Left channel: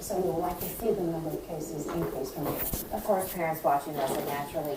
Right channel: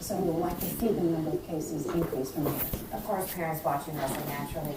So we would like to see the number of cases increase from there. Of course, parents watching this are naturally